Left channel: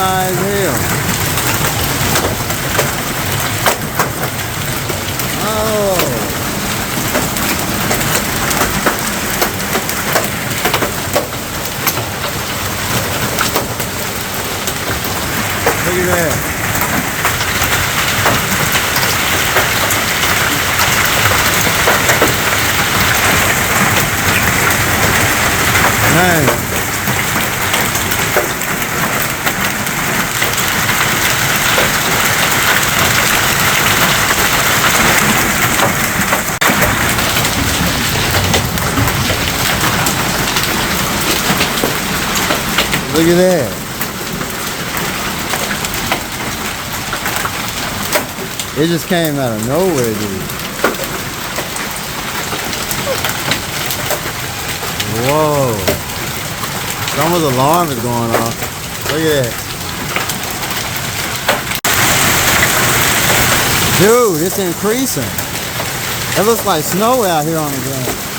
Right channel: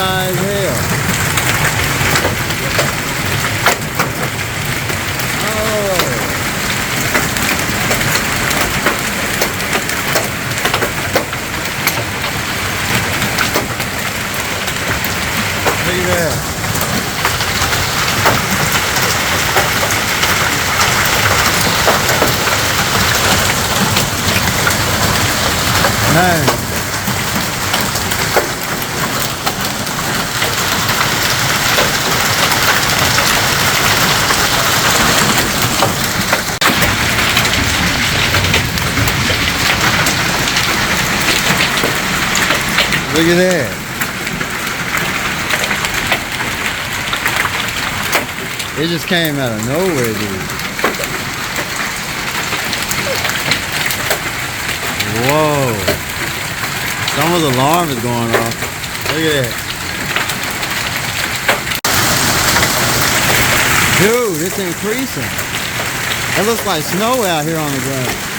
nice as hell. Oh. Look at that. Nice. Look at that. It just came out of nowhere, dude. Whoa. Someone's alarm is going off. Look at that. Dude, it's increasing. It looks like snow out here on the ground.